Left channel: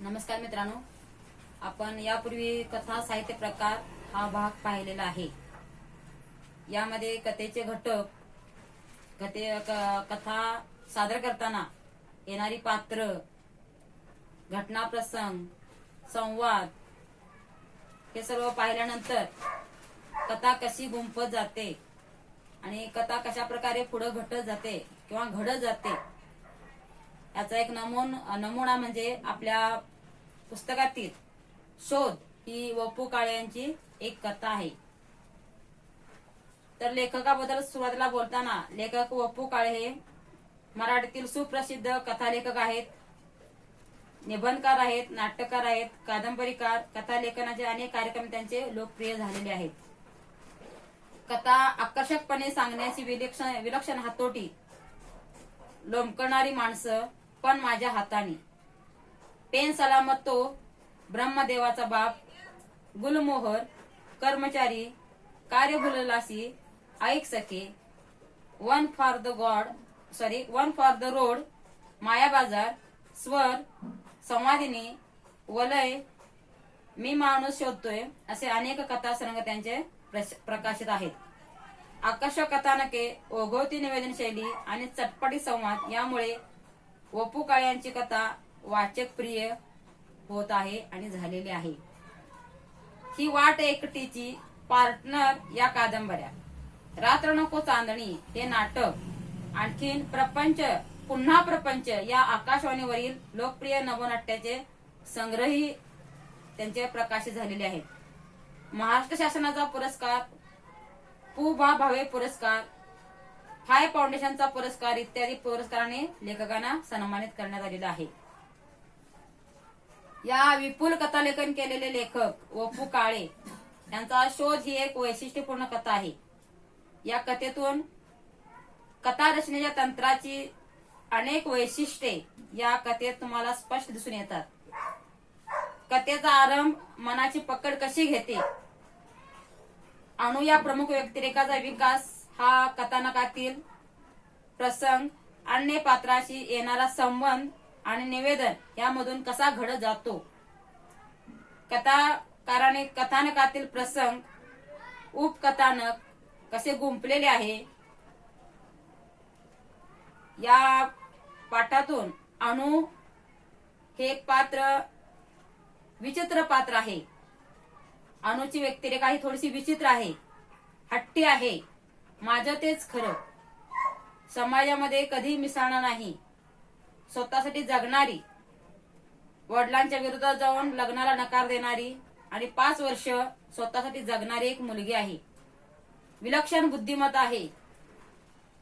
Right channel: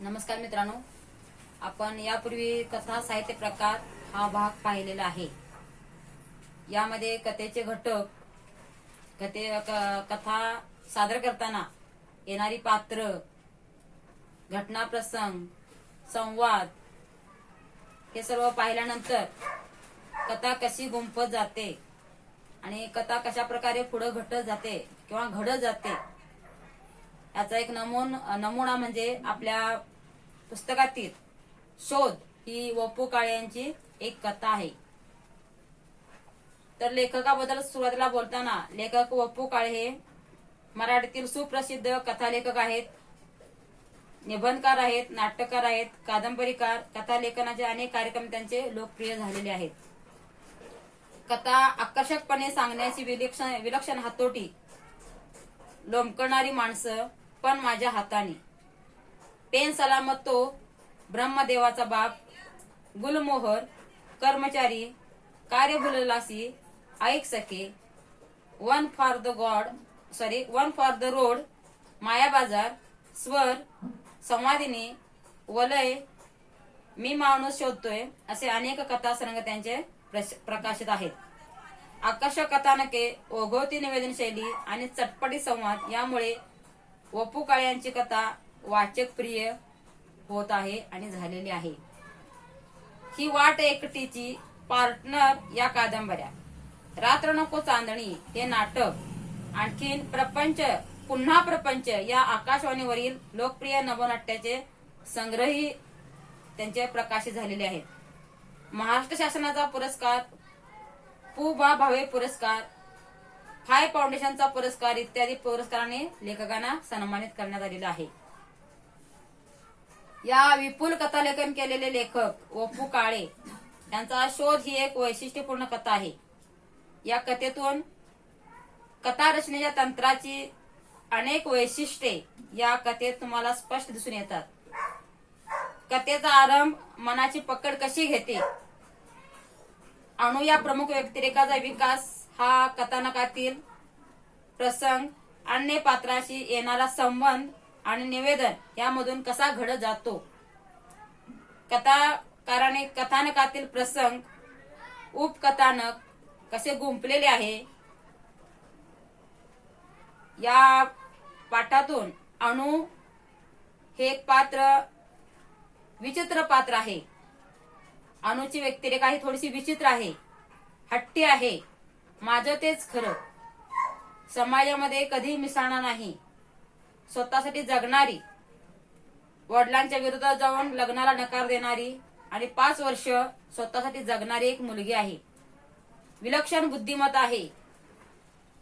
नमस्कार मित्रांनो, आपण यापूर्वी कथा साहित्य प्रकार हा भाग पाहिलेला आहे. यामध्ये कथेचे घटक, कथा सादर करताना येणारी पात्र, घटना प्रसंग, संवाद हे सर्व पाहिल्यानंतर कथा कशी गुंफत जाते आणि कथा कशा प्रकारे पुढे घटत जाते किंवा घडत जाते याचा एक नमुना म्हणजे आपल्या पुस्तकातील शोध ही व.पु. काळे यांची एक कथा आहे. तर लेखकाबद्दल सुरुवातीला बोलताना लेखक व.पु. काळे हे मराठीतील सुप्रसिद्ध कथालेखक आहेत, निबंधकार आहेत, नाटककार आहेत, कादंबरीकार, कथालेखनाचे अनेक कार्यक्रम त्यांचे लोकप्रिय झालेले आहेत. कथा आकर्षकपणे सांगण्याची विलक्षण हातोटी, लोंबकणारी माणसं पण माझ्या हाताने, पेन सलामत तो, ब्रह्मदेवाचा बाप, गुलमोहर, कर्मचारी, कार्य भुललासी, ऐक सखे, वन फॉर द रोड, माया बाजार, स्वर, संवादिनी, वलय, मी माणूस शोधतोय असे अनेक कथासंग्रह त्यांचे प्रकाशित आहेत. आकर्षक कथानके, ओघवती निवेदन शैली आणि चटपटी संवाद यामुळे व.पु. काळे यांची कथा वाचक प्रिय होत आहे आणि झालेली आहे. ही वाट एकटीची, पार्टनर या कादंबऱ्या, रात्र नको चांदणी हे नाटक, आणखीन प्रपंच पुन्हा प्रपंच या आकाशवाणीवरील लोकप्रिय नवनाट्याचे संग्रही त्यांचे प्रकाशित झालेले आहेत. महाराष्ट्र शासनाचा पुरस्कार, पु.भा. भावे पुरस्कार, फाय फाउंडेशनचा पुरस्कार इत्यादी पुरस्काराने लेखकांना सन्मानित करण्यात आलेला आहे. या विपुल कथालेखन केलेले लेखक व.पु. काळे यांचा शोध ही एक वैशिष्ट्यपूर्ण कथा आहे. या कथेतून कथा रचनेच्या तंत्राची अनेक वैशिष्ट्ये या कथेत तुम्हाला स्पष्ट दिसून येतात. कथेचा आरंभ मनाची पकड कशी घेते, अणु या प्रमुख व्यक्तिरेखाचा विकास, हा कथानकातील प्रसंग, अन्य पात्राशी येणारा संबंध आणि निवेदन यामधून कसा घडत जातो, कथाकाराने कथानकातील प्रसंग, उपकथानक कसे गुंफलेले आहे. या पाठातून अणु हे एक पात्र विचित्र पात्र आहे. अणुची व्यक्तिरेखा ही थोडीशी विचित्र आहे, हट्टी आहे, माझं तेच खरं, समाजामध्ये कधी मिसळणार नाही, स्वतःसाठी जगणारी, वडिलांच्या विरोधात जाऊन लग्नाला नकार देणारी आणि 5 वर्ष स्वतःसाठी जगणारी एक मुलगी आहे. विलक्षण बुद्धिमत्ता आहे,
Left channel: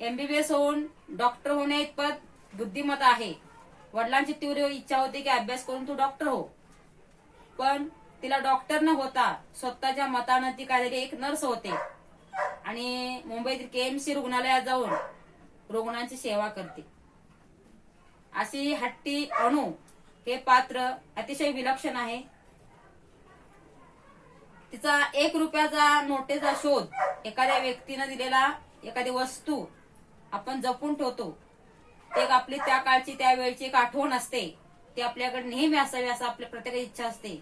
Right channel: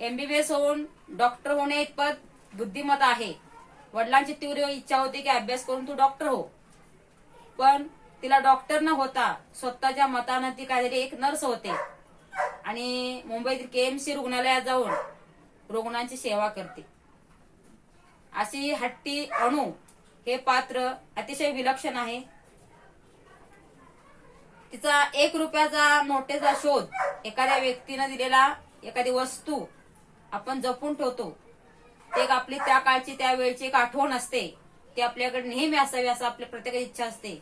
MBBS होऊन डॉक्टर होणे इतपत बुद्धिमत्ता आहे. वडिलांची तीव्र इच्छा होती की अभ्यास करून तू डॉक्टर हो, पण तिला डॉक्टर न होता स्वतःच्या मतानं ती काहीतरी एक नर्स होते आणि मुंबईतील KMC रुग्णालयात जाऊन रुग्णांची सेवा करते. अशी हट्टी अणु हे पात्र अतिशय विलक्षण आहे. तिचा 1 रुपयाचा नोटेचा शोध, एखाद्या व्यक्तीनं दिलेला एखादी वस्तू आपण जपून ठेवतो, ते एक आपली त्या काळची त्या वेळची एक आठवण असते, ती आपल्याकडे नेहमी असावी असं आपल्या प्रत्येकाची इच्छा असते.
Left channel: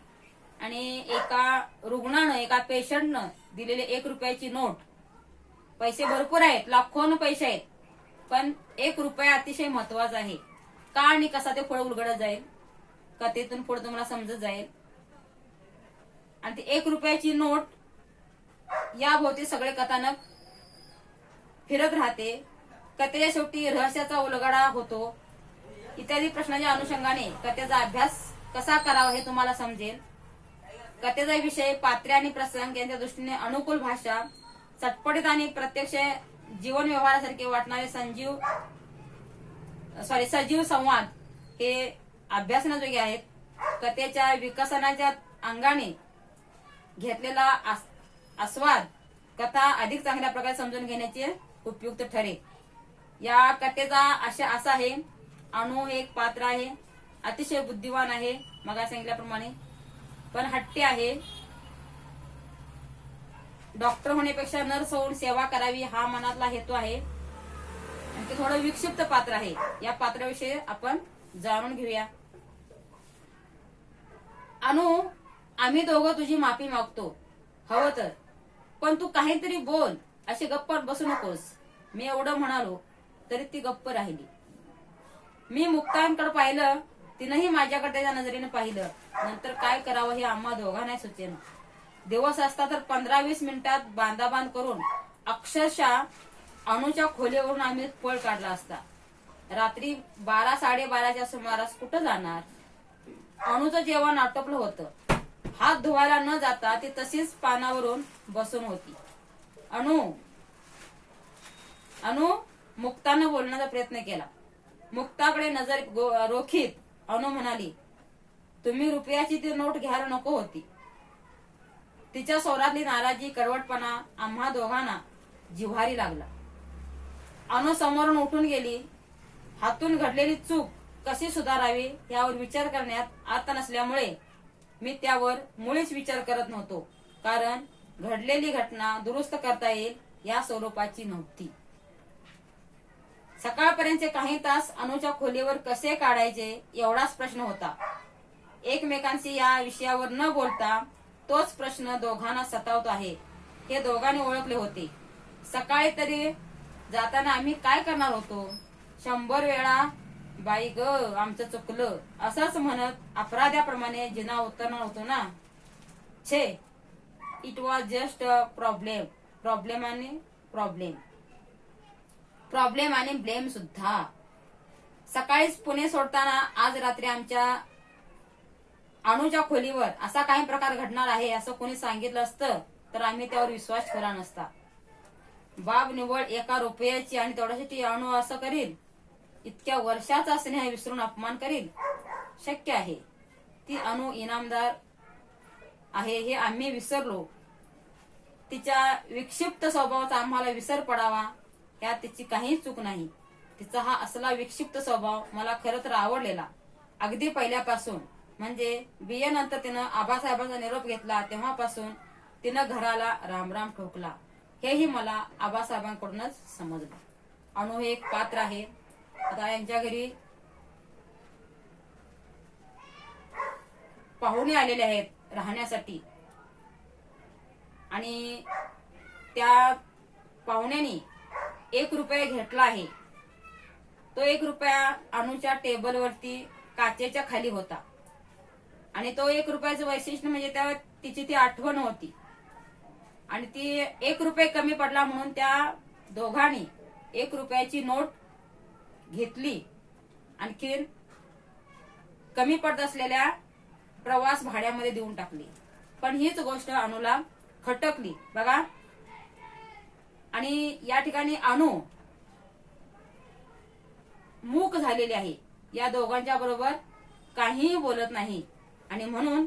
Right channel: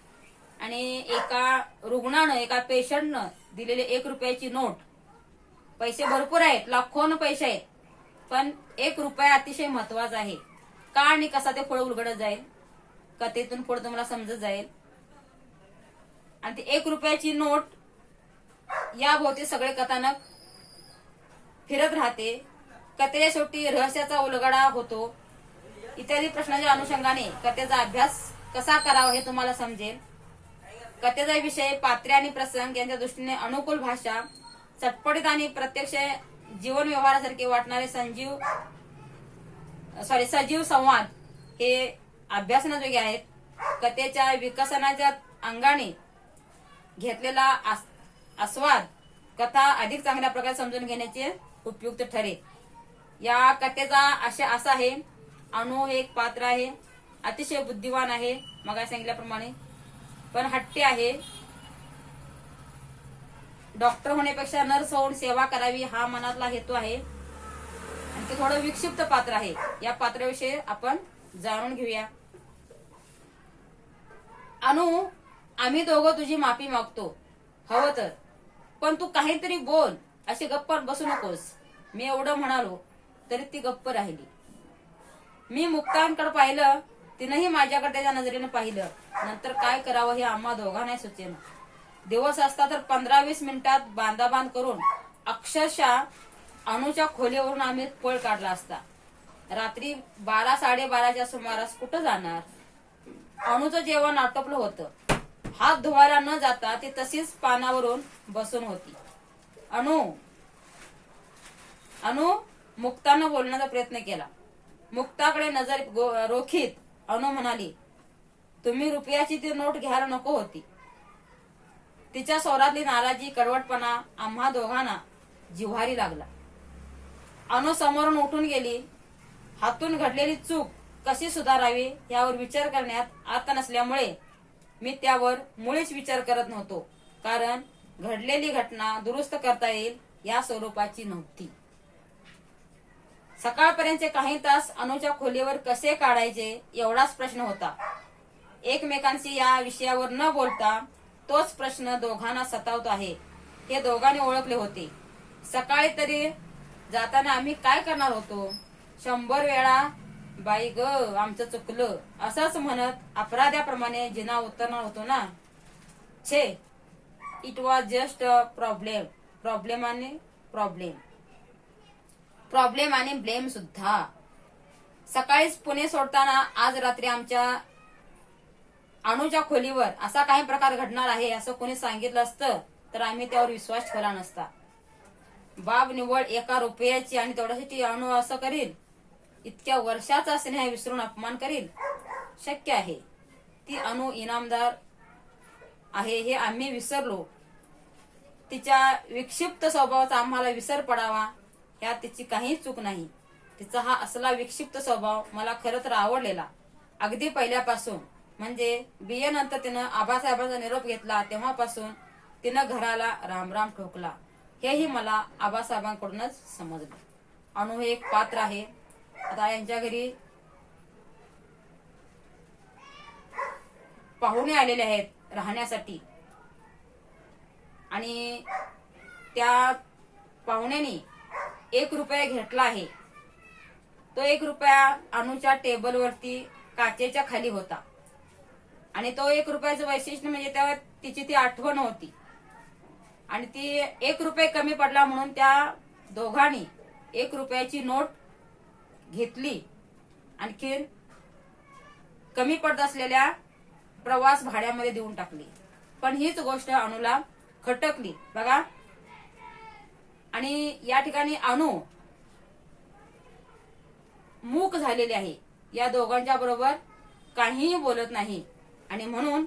आणि एका रुग्णानं, एका पेशंटनं दिलेली 1 रुपयाची नोट, पैसे भरपूर आहेत, लाखोन पैसे आहेत, पण 1 रुपया अतिशय महत्वाचा आहे. का आणि कसा ते पुढे उलगडत जाईल, कथेतून पुढे तुम्हाला समजत जाईल. आणि ती 1 रुपयाची नोट या भोवती सगळे कथानक फिरत राहते. कथेच्या शेवटी रहस्याचा उलगडा होतो. इत्यादी प्रश्नाच्या अनुषंगाने कथेचा अभ्यास कसा करावा हे तुम्हाला समजेल. कथेचा विषय, पात्रे आणि प्रसंग यांच्या दृष्टीने अनुकूल भाषा, चटपटीत आणि प्रत्यक्ष जीवन व्यवहारासारखे वाटणारे सजीव संवाद हे अभ्यासनाजोगे आहेत. कथेच्या विकसनाच्या अंगाने घेतलेला आस्वाद कथा अधिक चांगल्या प्रकारे समजून घेण्याचे उपयुक्त ठरेल. या कथेचा आशय असा आहे, अणु हे एक पात्र आहे, अतिशय बुद्धिवान आहे, मग सांगितल्याप्रमाणे, पण हट्टी आहे. डॉक्टर होण्यापेक्षा नर्स होऊन सेवा करावी हा मनातला हेतू आहे. आणि ते थोडं विक्षिप्त पात्र आहे. या पात्राविषयी आपण जाणून घेऊया. अनु, आम्ही दोघं तुझी माफी मागतो हवं तर, पण तू काहीतरी बोल, अशी गप्प बसू नकोस. मी एवढं म्हणालो तरी ती गप्प राहिली. मी मुक्तांकडे पाहिलं, तिनंही माझ्याकडे त्याच्या नजरेने पाहिलं. नंतर काय करावं हे आम्हा दोघांनाही सुचेना. दिवस असता तर 15-20 मिनिटात बांधाबांध करून अक्षरशः अनुच्या खोलीवरून आम्ही पळ काढला असता. रात्री 12-12:30च्या सुमारास कुठं जाणार? अनुचं जेवण आटोपलं होतं. हात धुवायला न जाता ती तशीच पानावरून बसून होती. अनु, अनु, मुक्तानं बोलण्याचा प्रयत्न केला. मुक्ताकडे नजर रोखीत अनु म्हणाली, तुम्ही रुपयाची ती नोट घ्यायला नको होती. तिच्या स्वरातली नाराजी, कडवटपणा आम्हा दोघांना जिव्हारी लागला. अनु समोरून उठून गेली. हातून घडलेली चूक कशी सुधारावी यावर विचार करण्यात आता नसल्यामुळे मी त्यावर मुळीच विचार करत नव्हतो, कारण घडलेली घटना दुरुस्त करता येईल या स्वरूपाची नव्हती. सकाळपर्यंतचे काही तास अनुच्या खोलीवर कसे काढायचे एवढाच प्रश्न होता. एकमेकांशी या विषयावर न बोलता तोच प्रश्न दोघांना सतावतो आहे हे दोघांनी ओळखले होते. सकाळी तरी जाताना आम्ही काय करणार होतो? 100 वेळा बाई ग आमचं चुकलं असंच म्हणत अपराध्याप्रमाणे जिना उतरणार होतो ना. छे, it was just a problem. Problem आणि ब्लेम सुद्धा. सकाळीच पुणे सोडताना आज रात्री आमच्या अनुच्या खोलीवर असा काही प्रकार घडणार आहे असं कोणी सांगितलं असतं तर आम्ही त्यावर विश्वास ठेवला नसता. बाब निवड 1 रुपयाची आणि तेवढ्यासाठी अनु असं करील? इतक्या वर्षाचा स्नेह विसरून अपमान करील? शक्य आहे. ती अनु इनामदार आहे हे आम्ही विसरलो. तिच्या विक्षिप्त स्वभावाचा आम्हाला विसर पडावा यात तिची काही चूक नाही. तिचा हा असला विक्षिप्त स्वभाव मला खरं तर आवडलेला. अगदी पहिल्यापासून, म्हणजे बीए नंतर तिनं आबासाहेबांचा निरोप घेतला तेव्हापासून तिनं घराला रामराम ठोकला हेही मला आबासाहेबांकडूनच समजलं. अनु हे एक पात्र आहे. आता यांच्या घरी पाहुणे आलेले आहेत राहण्यासाठी आणि त्या पाहुण्यांनी 1 रुपया घेतला आहे. तो 1 रुपया अनुच्या टेबलवरती काचेच्या खाली होता आणि तो 1 रुपयाचं वैशिष्ट्य म्हणजे त्यावर तिची ती आठवण होती आणि ती 1 रुपये कमी पडला म्हणून त्या दोघांनी 1 रुपयाची नोट घेतली. आणखी कमी पडत असलेल्या प्रवास भाड्यामध्ये देऊन टाकली. पण हीच गोष्ट अनुला खटकली बघा. आणि या ठिकाणी अनु मूक झालेली आहे. या दोघांच्या बरोबर काहीही बोलत नाही आणि म्हणून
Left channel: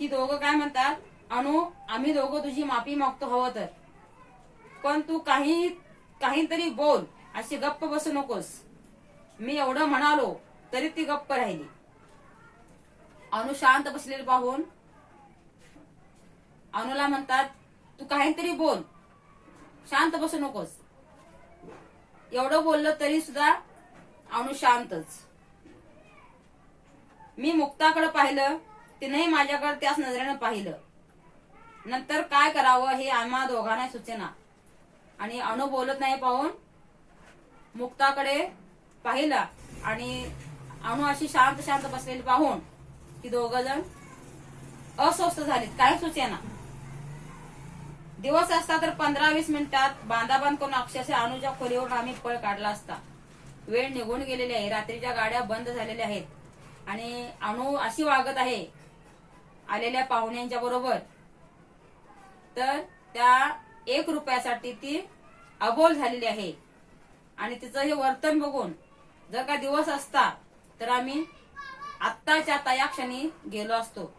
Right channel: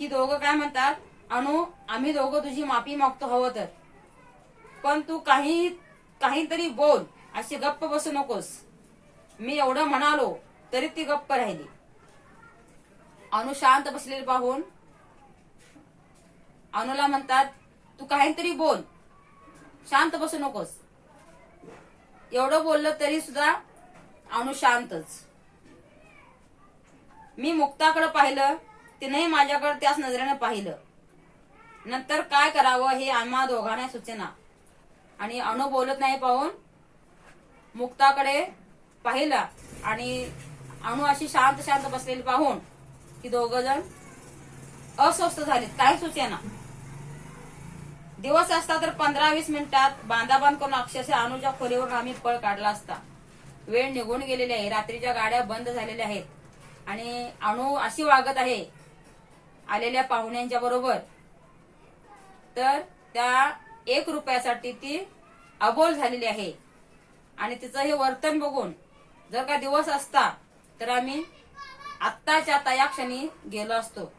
ही दोघं काय म्हणतात, अनु आम्ही दोघं तुझी माफी मागतो हवं तर, पण तू काहीतरी बोल, अशी गप्प बसू नकोस. मी एवढं म्हणालो तरी ती गप्प राहिली. अनु शांत बसलेली पाहून अनुला म्हणतात, तू काहीतरी बोल, शांत बसू नकोस. एवढं बोललं तरी सुद्धा अनु शांतच. मी मुक्ताकडे पाहिलं, तिनेही माझ्याकडे त्याच नजरेनं पाहिलं. नंतर काय करावं हे आम्हा दोघांना सुचेना आणि अनु बोलत नाही पाहून मुक्ताकडे पाहिला आणि अनु अशी शांत शांत बसलेली पाहून ती दोघ जण अस्वस्थ झालीत. काय सुचेना. दिवस असता तर 15-20 मिनिटात बांधाबांध करून अक्षरशः अनुच्या खोलीवरून आम्ही पळ काढला असता. वेळ निघून गेलेली आहे. रात्रीच्या गाड्या बंद झालेल्या आहेत आणि अनु अशी वागत आहे आलेल्या पाहुण्यांच्या बरोबर, तर त्या 1 रुपयासाठी ती अबोल झालेली आहे. आणि तिचं हे वर्तन बघून जर का दिवस असता तर आम्ही आत्ताच्या आता या क्षणी गेलो असतो.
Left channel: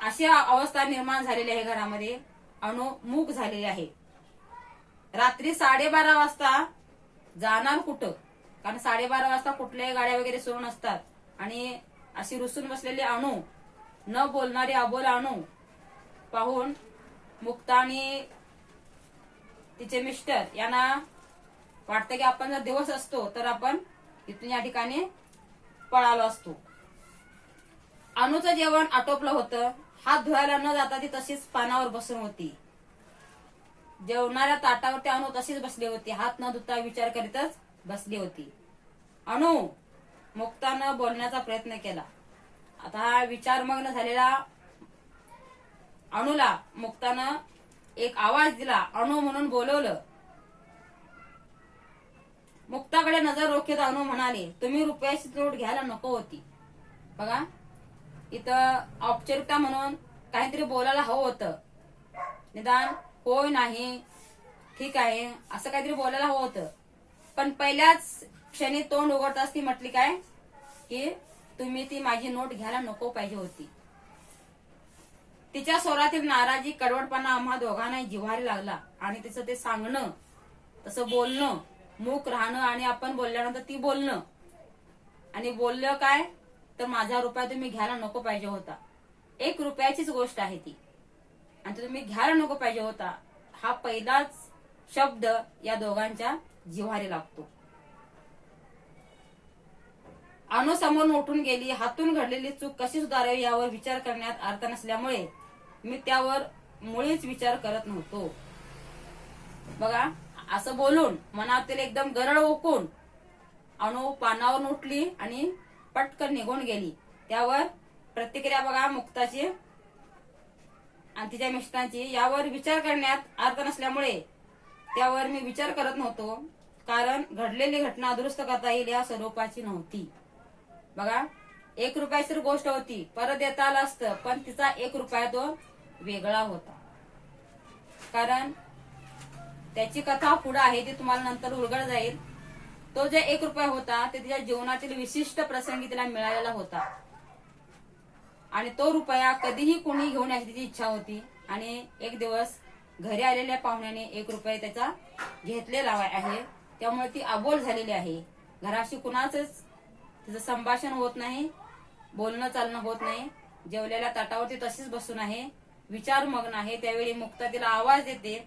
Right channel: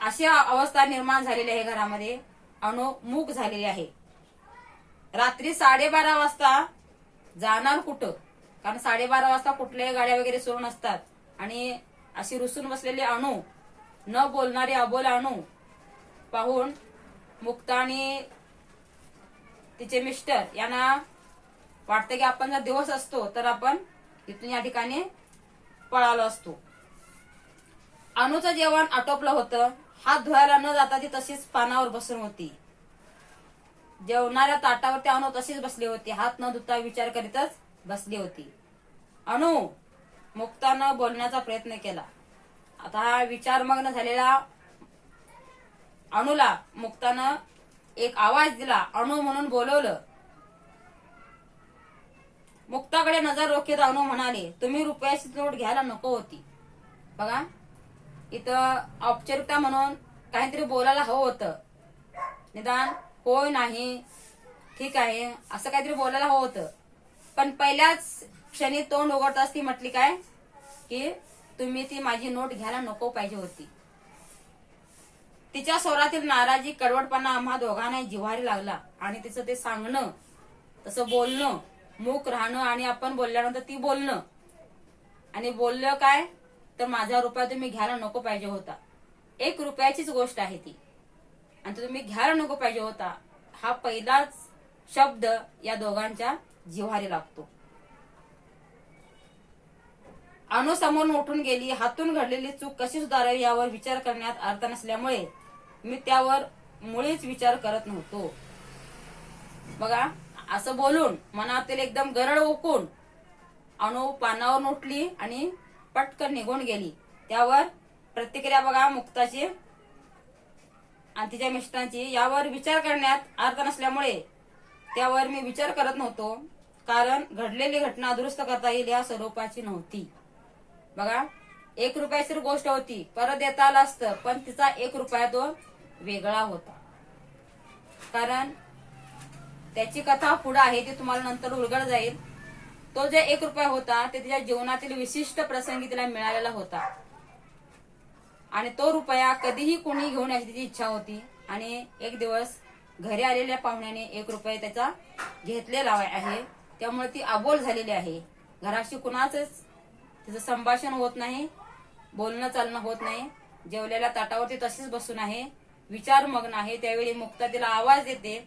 अशी अवस्था निर्माण झालेली आहे घरामध्ये. अनु मूक झालेली आहे. रात्री 12:30 वाजता जाणार कुठं? कारण 12:30 वाजता कुठल्याही गाड्या वगैरे सुरू नसतात आणि अशी रुसून बसलेली अनु, न बोलणारी अबोल अनु पाहून मुक्ता आणि तिचे मिस्टर यांना वाटतं की आपण जर दिवस असतो तर आपण इथून या ठिकाणी पळालो असतो. अनुचं जेवण आटोपलं होतं. हात धुवायला न जाता ती तशीच पानावर बसून होती. जेवणाऱ्या ताटावरती अनु तशीच बसली होती. हात न धुता विचार करीतच बसली होती. अनु, मुक्तानं बोलण्याचा प्रयत्न केला. आता हा विचारमग्न झालेला अनुला मुक्तानं एक आवाज दिला. अनु म्हणून बोलवलं. मुक्ताकडे नजर रोखीत अनु म्हणाले, तुम्ही रुपयाची नोट घ्यायला नको होती. बघा, इथं औपचारिकता म्हणून काहीतरी बोलायला हवं होतं. निदान होय नाही ठीक आहे असं काहीतरी बोलायला हवं होतं. पण पहिल्याच क्षणी तोंड उघडताच ती म्हटली काय की तुम्ही ती माझी नोट घ्यायला नको पाहिजे होती. तिच्या स्वरातील नाराजी, कडवटपणा आम्हा दोघांनाही जिव्हारी लागला. आणि तिचं ते सांगणं, तसं बोलणं, मूक राहणं आणि आपण बोलल्यानंतर ती बोलणं, आणि बोललं काय तर माझा रुपया तुम्ही घ्यायला नको पाहिजे होता. 1 रुपयाचीच गोष्ट आहे ती, आणि तो तुम्ही घ्यायला नको पाहिजे होता हा पहिलाच शब्द या दोघांच्या जिव्हारी लागतो. अनु समोरून उठून गेली. हातून घडलेली चूक कशी सुधारावी यावर विचार करण्यात अर्थ नसल्यामुळे मी त्यावर मुळीच विचार करत नव्हतो. बघा, असं बोलून मनातील एकदम गरळ ओकून अनु पानावर उठली आणि पटकन निघून गेली. त्यावर प्रतिक्रिया बघा मुक्ताची आणि तिच्या मिस्टरांची. यावर विचार करण्यात अर्थ नसल्यामुळे त्यावर मी विचार करत नव्हतो, कारण घडलेली घटना दुरुस्त करता येईल या स्वरूपाची नव्हती. बघा, 1 रुपयाची गोष्ट होती, परत देता आलं असतं, पण तिचा 1 रुपया तो वेगळा होता. कारण त्याची कथा पुढे आहे, ती तुम्हाला नंतर उलगड जाईल. तो जे 1 रुपया होता ते तिच्या जीवनातील विशिष्ट प्रसंगी तिला मिळालेला होता, आणि तो रुपया कधीही कोणी घेऊन यायची तिची इच्छा होती. आणि एक दिवस घरी आलेल्या पाहुण्याने 1 रुपया त्याचा घेतलेला आहे, त्यामुळे ती अबोल झालेली आहे. घराशी कुणाचंच तिचं संभाषण होत नाही, बोलणं चालणं होत नाही. जेवलेल्या ताटावरती तशीच बसून आहे, विचारमग्न आहे. त्यावेळी मुक्ता तिला आवाज देते,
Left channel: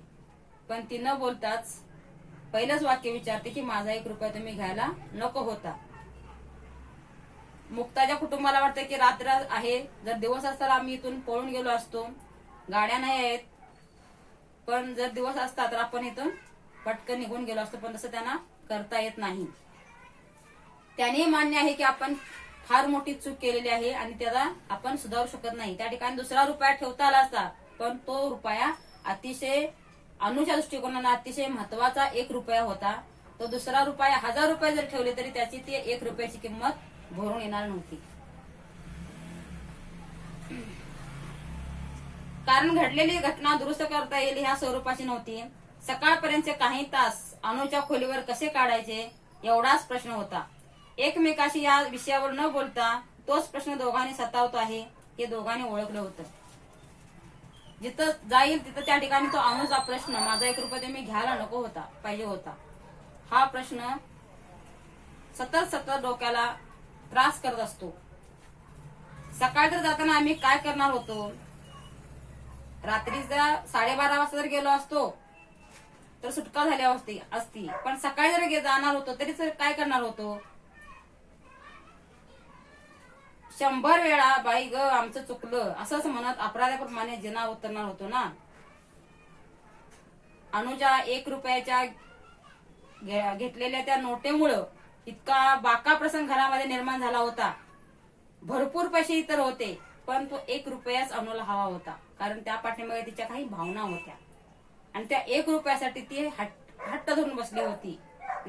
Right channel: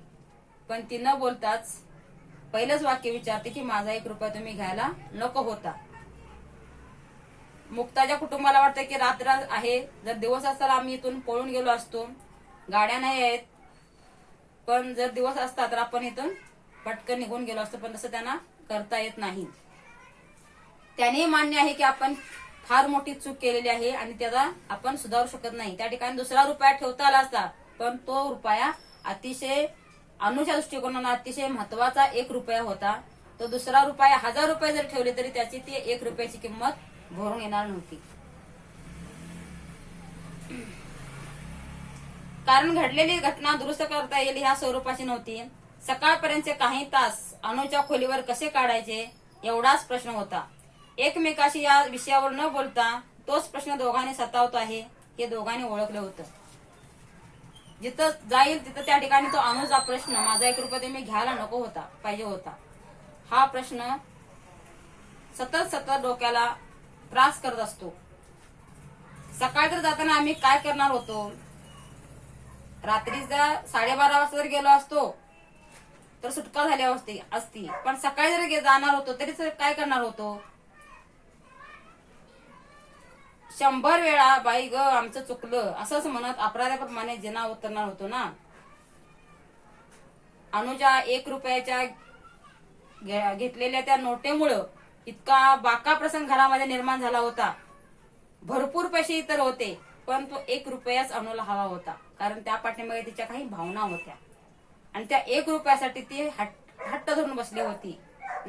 पण ती न बोलताच पहिलंच वाक्य विचारते की माझा 1 रुपया तुम्ही घ्यायला नको होता. मुक्ताच्या कुटुंबाला वाटतं की रात्र आहे, जर दिवस असता आम्ही इथून पळून गेलो असतो. गाड्या नाही आहेत, पण जर दिवस असता तर आपण इथून पटकन निघून गेलो असतो, पण तसं त्यांना करता येत नाही. त्याने मान्य आहे की आपण फार मोठी चूक केलेली आहे आणि त्याला आपण सुधारू शकत नाही. त्या ठिकाणी दुसरा रुपया ठेवता आला असता, पण तो रुपया अतिशय अनुच्या दृष्टिकोनाने अतिशय महत्वाचा 1 रुपया होता. तो दुसरा रुपया 1000 रुपये जर ठेवले तरी त्याची ती 1 रुपयाची किंमत भरून येणार नव्हती. कारण घडलेली घटना दुरुस्त करता येईल ह्या स्वरूपाची नव्हती. सकाळपर्यंतचे काही तास अनुच्या खोलीवर कसे काढायचे एवढाच प्रश्न होता. एकमेकाशी या विषयावर न बोलता तोच प्रश्न दोघांनी सतावतो आहे हे दोघांनी ओळखलं होतं. जिथं जाईल तिथं त्या ठिकाणी तो अनुचा प्रश्न, माझा 1 रुपया तुम्ही घ्यायला नको होता पाहिजे होता, हा प्रश्न सतत डोक्याला त्रास करत असतो. सकाळी तर जाताना आम्ही काय करणार होतो, रात्रीचा 12:30 वाजता जर गेलो असतो तर सुटका झाली असती, पण सकाळी जर जाणार होतो तरी काय करणार होतो. 100 वेळा बाई ग आमचं चुकलं असंच म्हणत अपराध्याप्रमाणे जिना उतरणार होतो ना. अनुच्या 1 रुपयाच्या घेतलेल्या त्या नोटेमुळं इतका बाका प्रसंग घरामध्ये निर्माण झाला होता. भरपूर पैसे इतर होते, पण तो 1 रुपयाच अनुला हवा होता, कारण त्या पाठीमागे तिच्या काही भावना होत्या आणि त्या 1 रुपयासाठी ती हट्ट धरून बसली होती.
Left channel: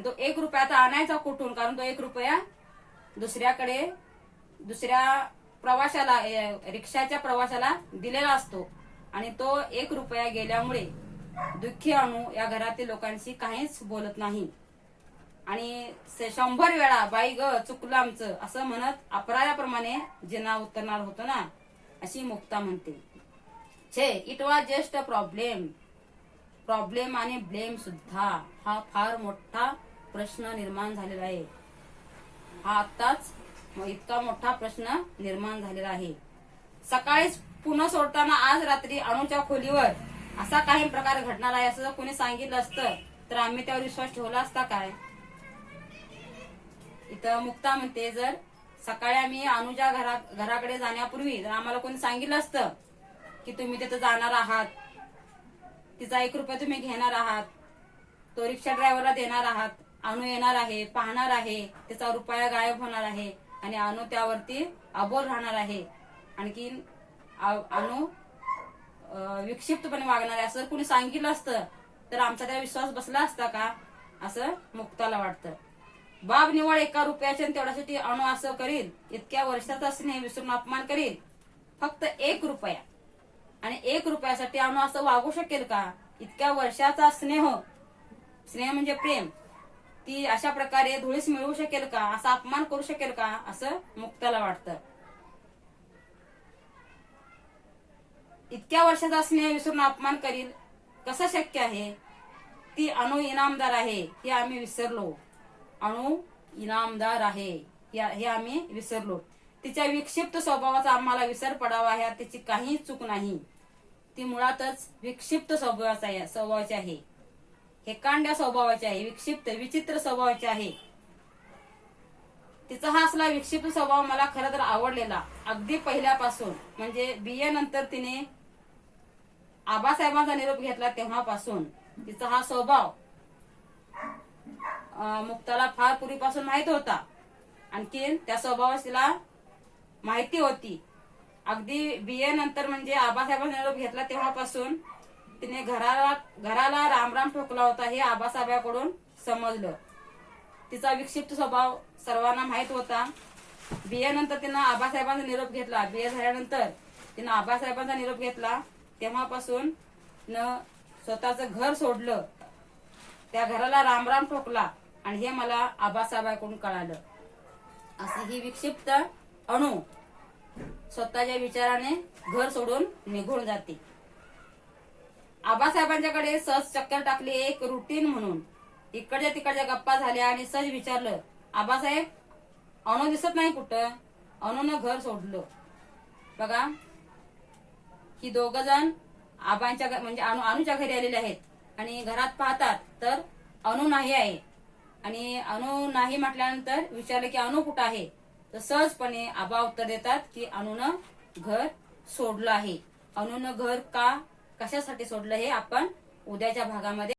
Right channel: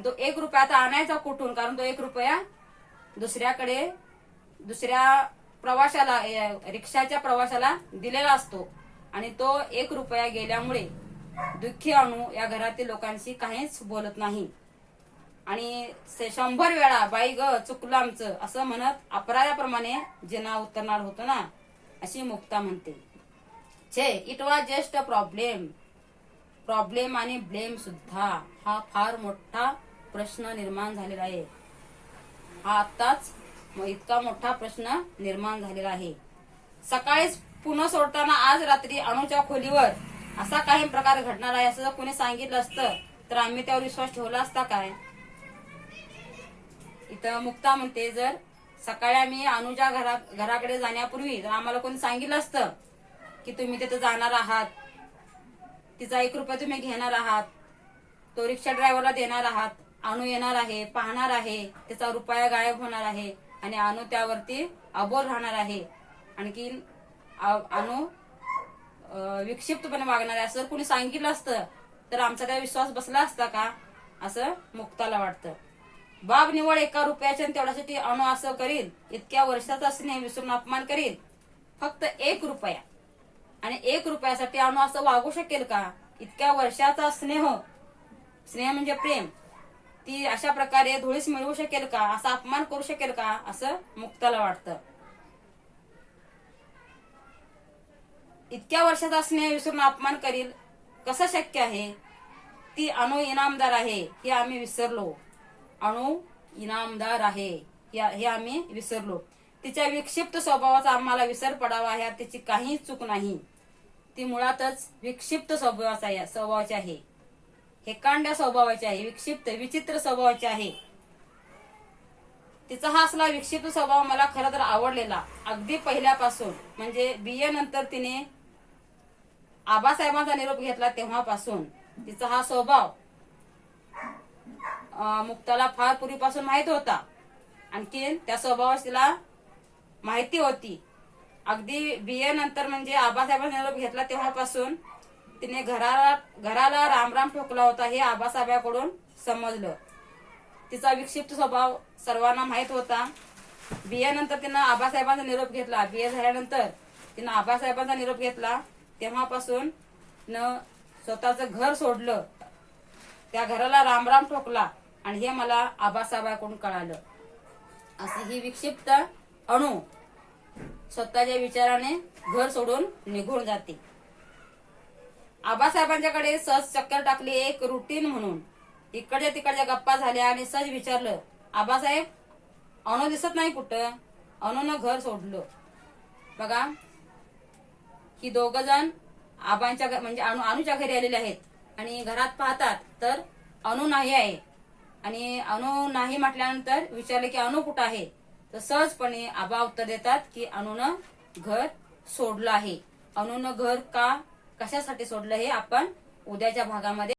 तो 1 रुपया आता आणायचा कुठून, कारण तो 1 रुपया दुसऱ्या प्रवाशाला, रिक्षाच्या प्रवाशाला दिलेला असतो, आणि तो 1 रुपया गेल्यामुळे दुःखी अनु या घरातील लोकांशी काहीच बोलत नाही आणि 100 वेळा बाई ग चुकलं आमचं असं म्हणत अपराध्याप्रमाणे जिना उतरणार होतो ना, अशी मुक्ता म्हणते. छे, it was just a problem आणि ब्लेम सुद्धा हा फार मोठा प्रश्न निर्माण झालेला आहे. हा आत्ताच इतका मोठा प्रश्न निर्माण झालेला आहे. सकाळीच पुन्हा सोडताना आज रात्री अनुच्या खोलीवर असा काही प्रकार घडणार आहे असं जर कोणी सांगितलं असतं तर आम्ही त्यावर विश्वास ठेवला असता काय. इथं मुक्ता म्हणते, जर सकाळी आम्ही अनुच्या घराकडे जाण्यापूर्वी जर आम्हाला कोणी सांगितलं असतं की तुम्ही तिथे जाणार आहात, तिचा 1 रुपया तुम्ही घेणार आहात, तो रिक्षा ड्रायव्हरला देणार आहात, अनु येणार आहे, पाहणार आहे, त्याचा रुपया गायब होणार आहे आणि अनु त्यावरती अबोल राहणार आहे, आणखी अनु विक्षिप्तपणे वागणार आहे असं कोणी सांगितलं असतं तर आमचा त्या विश्वास बसला असता का असं मुक्ताला वाटतं. बाब निवळ 1 रुपयाच्या तेवढ्यासाठी अनु असं करील, इतक्या वर्षाचा स्नेह विसरून अपमान करील. फक्त 1 रुपया आणि 1 रुपयासाठी अनु असं वागू शकेल का? इतक्या वर्षाचा स्नेह म्हणजे प्रेम, ती अशा प्रकारे धुळीस मिळवू शकेल का? असा अपमान करू शकेल का असं मुक्ताला वाटतं. इतक्या वर्षाचा स्नेह विसरून अपमान करील कसं शक्य आहे? ती अनु इनामदार आहे हे आम्ही विसरलो. अनु इनामदार आहे हे आम्ही विसरलो. तिच्या विक्षिप्त स्वभावाचा आम्हाला विसर पडावा ह्यात तिची काही चूक नाही. ती मुळातच विक्षिप्त स्वभावाची आहे, हेकांड्या स्वभावाची आहे, विक्षिप्त विचित्र स्वभावाची आहे. तिचा हा असला विक्षिप्त स्वभाव मला खरं तर आवडलेला अगदी पहिल्यापासून. म्हणजे BA नंतर तिने आबासाहेबांचा निरोप घेतला तेव्हापासून तिचा हा स्वभाव मुक्ताला फार पूर्वीपासून माहित होता. आणखी त्या स्वभावाची तिला माहिती होती. अगदी BA नंतर म्हणजे आबासाहेबांचा निरोप घेतला तेव्हापासून तिने घराला रामराम ठोकला होता हे आबासाहेबांकडून समजलं. तिचा विक्षिप्त स्वभाव सर्वांना माहित होता. BA नंतर तिनं आबासाहेबांचा निरोप घेतला. BA झाल्यानंतर तिनं आबासाहेबांचा निरोप घेतला तेव्हापासून न स्वतःचं घर सोडलं, त्या घराला रामराम ठोकला आणि हे मला आबासाहेबांकडून कळालं. असं ही विक्षिप्त अणू स्वतःच्या विचाराने घर सोडून निघून जाते. आबासाहेबांच्याकडे सहज चक्कर टाकली एक रुटीन म्हणून. इकडच्या तिकडच्या गप्पा झाल्या आणि सहज विचारलं, आबासाहेब अनु दिसत नाही कुठं? अनुनं घर सोडलं. बघा, ही 2 जण आबांच्या म्हणजे अनुच्या घरी आलेले आहेत आणि घरात पाहतात तर अनु नाही आहे. आणि अनु नाही म्हटल्यानंतर विचारले की अनु कुठं आहे? तर सहजपणे आबा उत्तर देतात की अनुनं घर सोडलं आहे. अनुनं घर का कशासाठी सोडलं हे आपण उद्याच्या भागामध्ये